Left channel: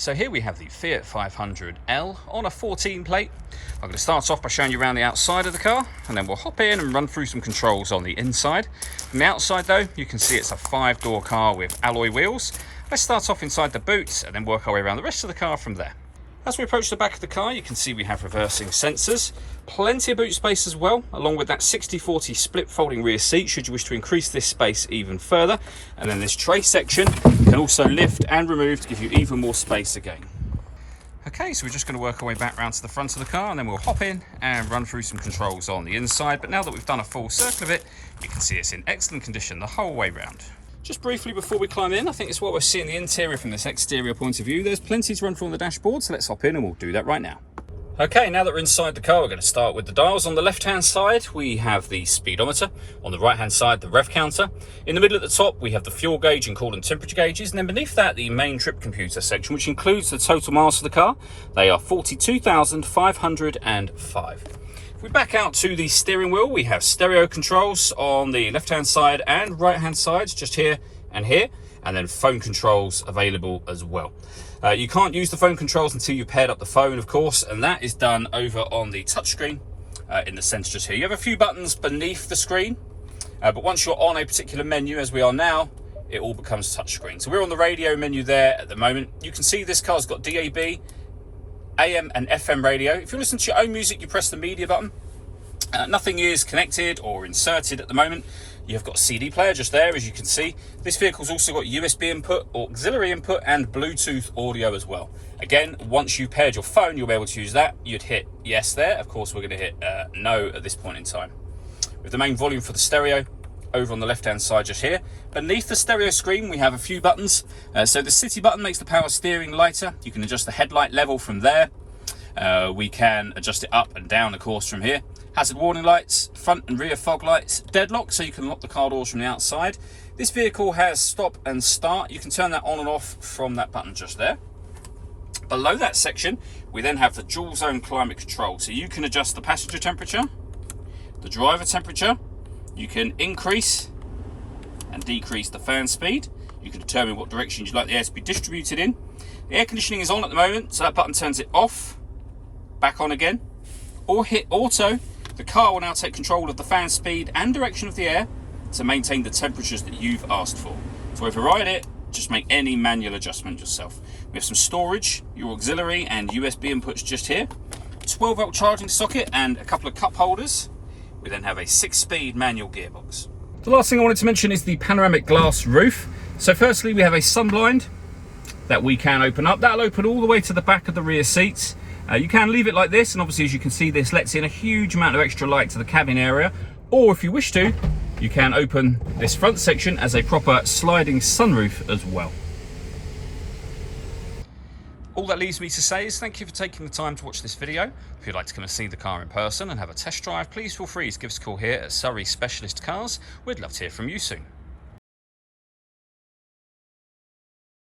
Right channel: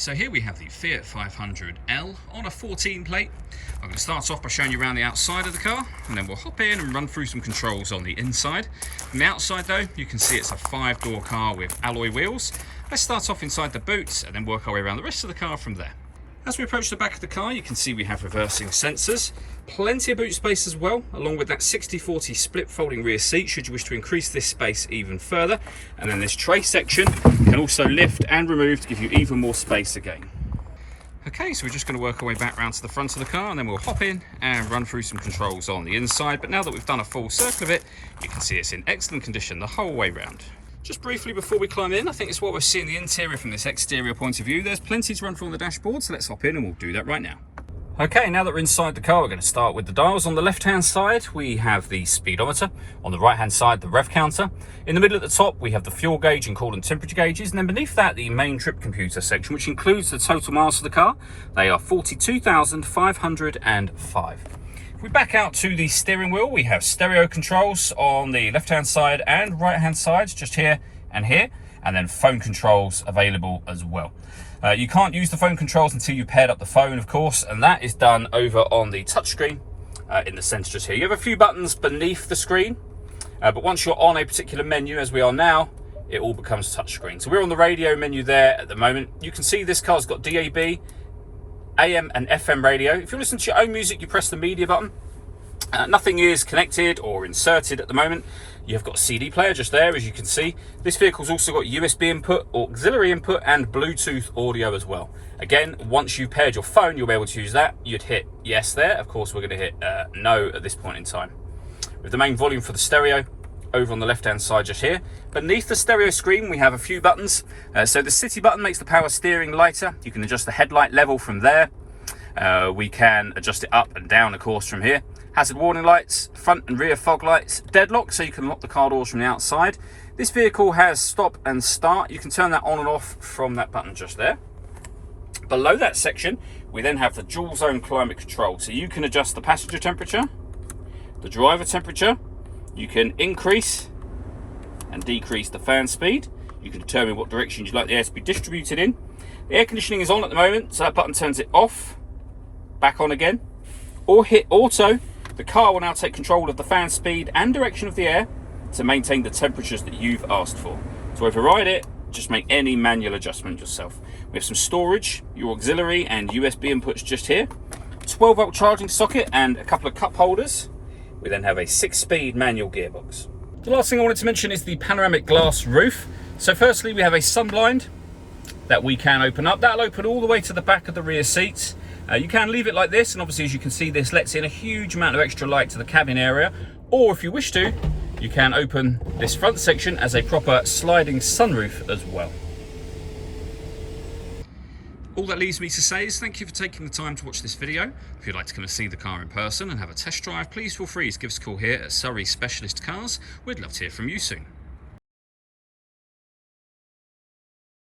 So here we have the Fiat 500L on a 14 plate. I'm going to start off by showing you around the outside of the car, and then we'll hop in and run through some controls on the inside. From the outside though, you can see it's a 5-door car with alloy wheels. Let's start off inside the boot and then work our way around the rest of the car from there. As we approach the back of the car, you can see we have reversing sensors, plenty of boot space as well, along with that 60/40 split folding rear seat should you wish to increase this space even further. And then this tray section can also lift and remove to give you even more space again. Okay, so we're just going to work our way back around to the front of the car, and then we'll hop in and run through some controls on the inside. But now that we've done a full circle of it, you can see it's in excellent condition the whole way round. Just briefly before we climb in, I think it's what we're seeing the interior from this exterior point of view. There's plenty to run through on the dashboard, so let's hop in and we'll do that right now. Okay, now that we're inside the car, we're going to start with the dials. On the left-hand side, we have the speedometer. On the right-hand side, the rev counter. In the middle at the top, we have the fuel gauge and coolant temperature gauges. And then beneath that, the main trip computer section, which includes the total miles of the car. They are 42,505. If we back out to the steering wheel, we have stereo controls on the left-hand side and right-hand sides, just here and here, and then phone controls available as well. You can't use the phone controls until you've paired up the phone, of course, and that is done over on the touchscreen in the centre just here. You have a few buttons beneath the screen, but once you're on a particular menu, as we are now, it all becomes touchscreen. So we're on the radio menu there at the moment. You can see this car's got DAB, AM and FM radio. If you listen to your own music, you press the media button. Nothing is connected or inserted at the moment. You've got a CD player just there, as you can see. This vehicle's also got USB input, auxiliary input, and Bluetooth audio as well. Again, once you've paired your phone, you'll be able to use that. You'd hit yes there. Of course, we're going to hit no at this point in time. With the main volume for the stereo over on the left-hand side just here. Beneath the stereo screen, we have a few buttons. So the city button makes the power steering lighter. You can adjust the headlight level from there. We can adjust it up and down, of course, from here. Hazard warning lights, front and rear fog lights, deadlock, so you can lock the car doors from the outside. This vehicle has stop and start. You can turn that on and off from that button just there. Below that section, we then have the dual zone climate control. So you can adjust the passenger temperature, the driver temperature. You can increase and decrease the fan speed. You can determine what direction you'd like the air to be distributed in. The air conditioning is on at the moment, so that button turns it off, back on again, or hit auto. The car will will now take control of the fan speed and direction of the air to maintain the temperatures that you've asked for. To override it, just make any manual adjustment yourself. We have some storage, your auxiliary and USB inputs just here, 12-volt charging socket and a couple of cup holders. We then have a 6-speed manual gearbox. The last thing I wanted to mention is the panoramic glass roof. So firstly, we have a sun blind that we can open up. That'll open all the way to the back of the rear seats. You can leave it like this, and obviously, as you can see, this lets in a huge amount of extra light to the cabin area. Or if you wish to, you can open this front section as a proper sliding sunroof as well. All that leaves me to say is thank you for taking the time to watch this video. If you'd like to come and see the car in person and have a test drive, please feel free to give us a call here at Surrey Specialist Cars. We'd love to hear from you soon.